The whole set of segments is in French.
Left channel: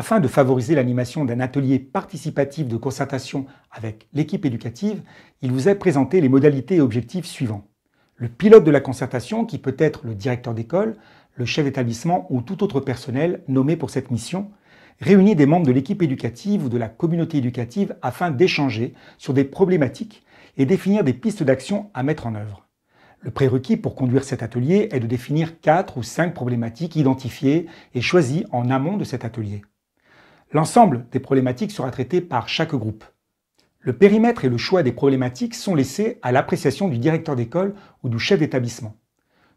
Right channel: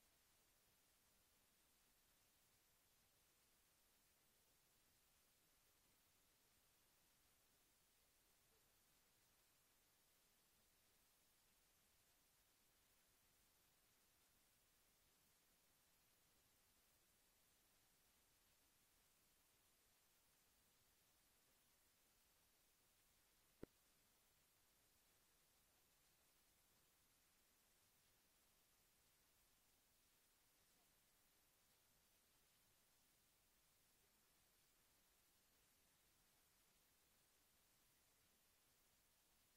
Afin de favoriser l'animation d'un atelier participatif de concertation avec l'équipe éducative, il vous est présenté les modalités et objectifs suivants. Le pilote de la concertation, qui peut être le directeur d'école, le chef d'établissement ou tout autre personnel nommé pour cette mission, réunit des membres de l'équipe éducative ou de la communauté éducative afin d'échanger sur des problématiques et définir des pistes d'action à mettre en œuvre. Le prérequis pour conduire cet atelier est de définir 4 ou 5 problématiques identifiées et choisies en amont de cet atelier. L'ensemble des problématiques sera traité par chaque groupe. Le périmètre et le choix des problématiques sont laissés à l'appréciation du directeur d'école ou du chef d'établissement.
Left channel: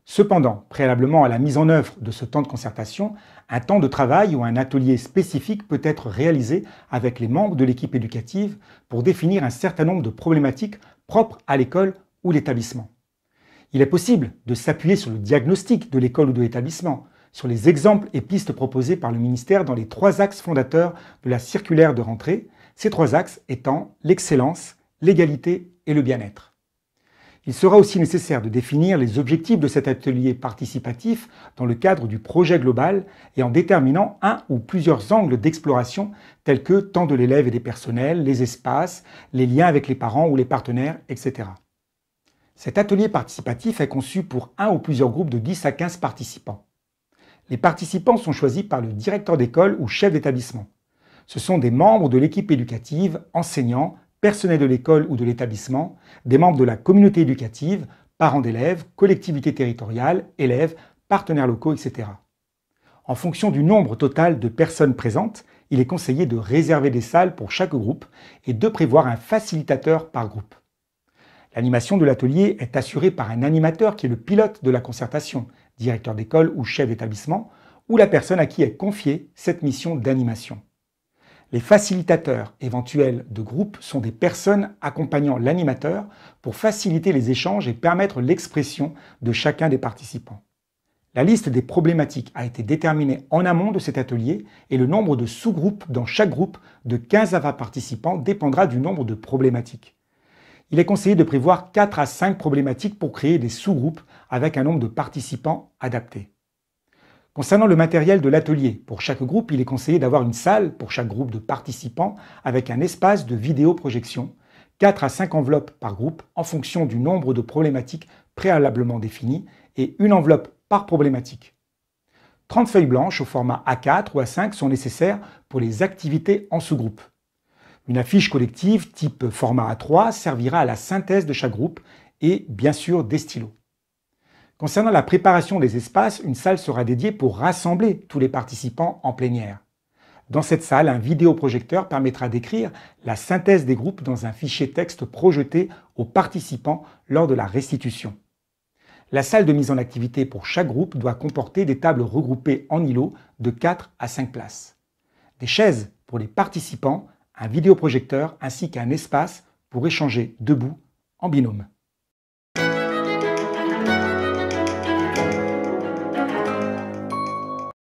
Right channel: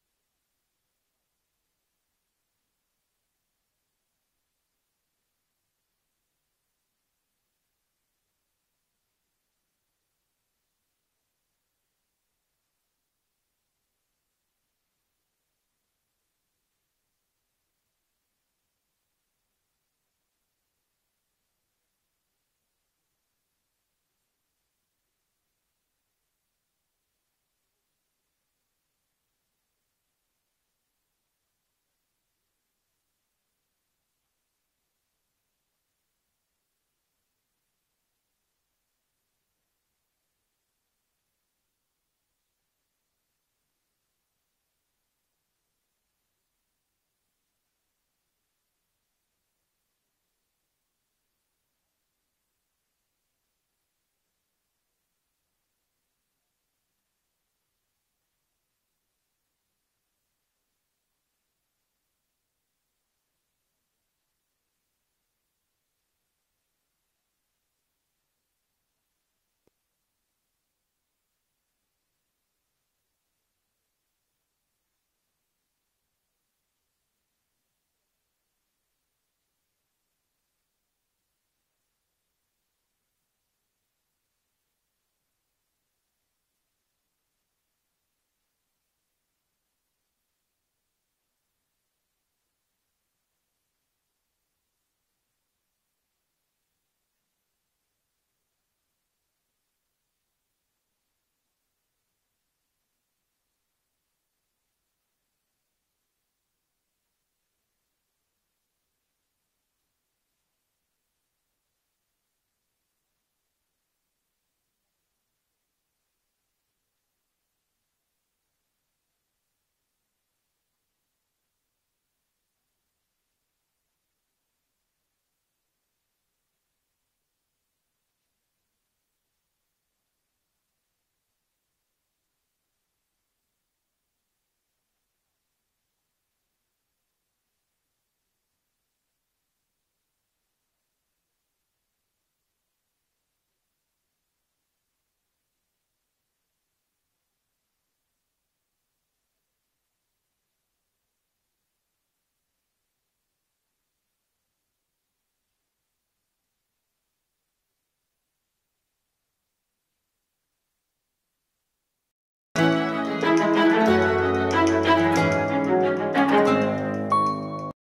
Cependant, préalablement à la mise en œuvre de ce temps de concertation, un temps de travail ou un atelier spécifique peut être réalisé avec les membres de l'équipe éducative pour définir un certain nombre de problématiques propres à l'école ou l'établissement. Il est possible de s'appuyer sur le diagnostic de l'école ou de l'établissement, sur les exemples et pistes proposés par le ministère dans les 3 axes fondateurs de la circulaire de rentrée, ces 3 axes étant l'excellence, l'égalité et le bien-être. Il sera aussi nécessaire de définir les objectifs de cet atelier participatif dans le cadre du projet global et en déterminant un ou plusieurs angles d'exploration tels que temps de l'élève et des personnels, les espaces, les liens avec les parents ou les partenaires, etc. Cet atelier participatif est conçu pour un ou plusieurs groupes de 10 à 15 participants. Les participants sont choisis par le directeur d'école ou chef d'établissement. Ce sont des membres de l'équipe éducative, enseignants, personnels de l'école ou de l'établissement, des membres de la communauté éducative, parents d'élèves, collectivités territoriales, élèves, partenaires locaux, etc. En fonction du nombre total de personnes présentes, il est conseillé de réserver des salles pour chaque groupe et de prévoir un facilitateur par groupe. L'animation de l'atelier est assurée par un animateur qui est le pilote de la concertation, directeur d'école ou chef d'établissement, ou la personne à qui est confiée cette mission d'animation. Les facilitateurs éventuels de groupe sont des personnes accompagnant l'animateur pour faciliter les échanges et permettre l'expression de chacun des participants. La liste des problématiques a été déterminée en amont de cet atelier et le nombre de sous-groupes dans chaque groupe de 15 à 20 participants dépendra du nombre de problématiques. Il est conseillé de prévoir 4 à 5 problématiques pour créer des sous-groupes avec un nombre de participants adapté. Concernant le matériel de l'atelier, pour chaque groupe, il est conseillé d'avoir une salle pour chaque groupe de participants avec un espace de vidéoprojection, 4 à 5 enveloppes par groupe en fonction du nombre de problématiques préalablement définies et une enveloppe par problématique. 30 feuilles blanches au format A4 ou A5 sont nécessaires pour les activités en sous-groupe. Une affiche collective type format A3 servira à la synthèse de chaque groupe et bien sûr des stylos. Concernant la préparation des espaces, une salle sera dédiée pour rassembler tous les participants en plénière. Dans cette salle, un vidéoprojecteur permettra d'écrire la synthèse des groupes dans un fichier texte projeté aux participants lors de la restitution. La salle de mise en activité pour chaque groupe doit comporter des tables regroupées en îlots de 4 à 5 places, des chaises pour les participants, un vidéoprojecteur ainsi qu'un espace pour échanger debout en binôme.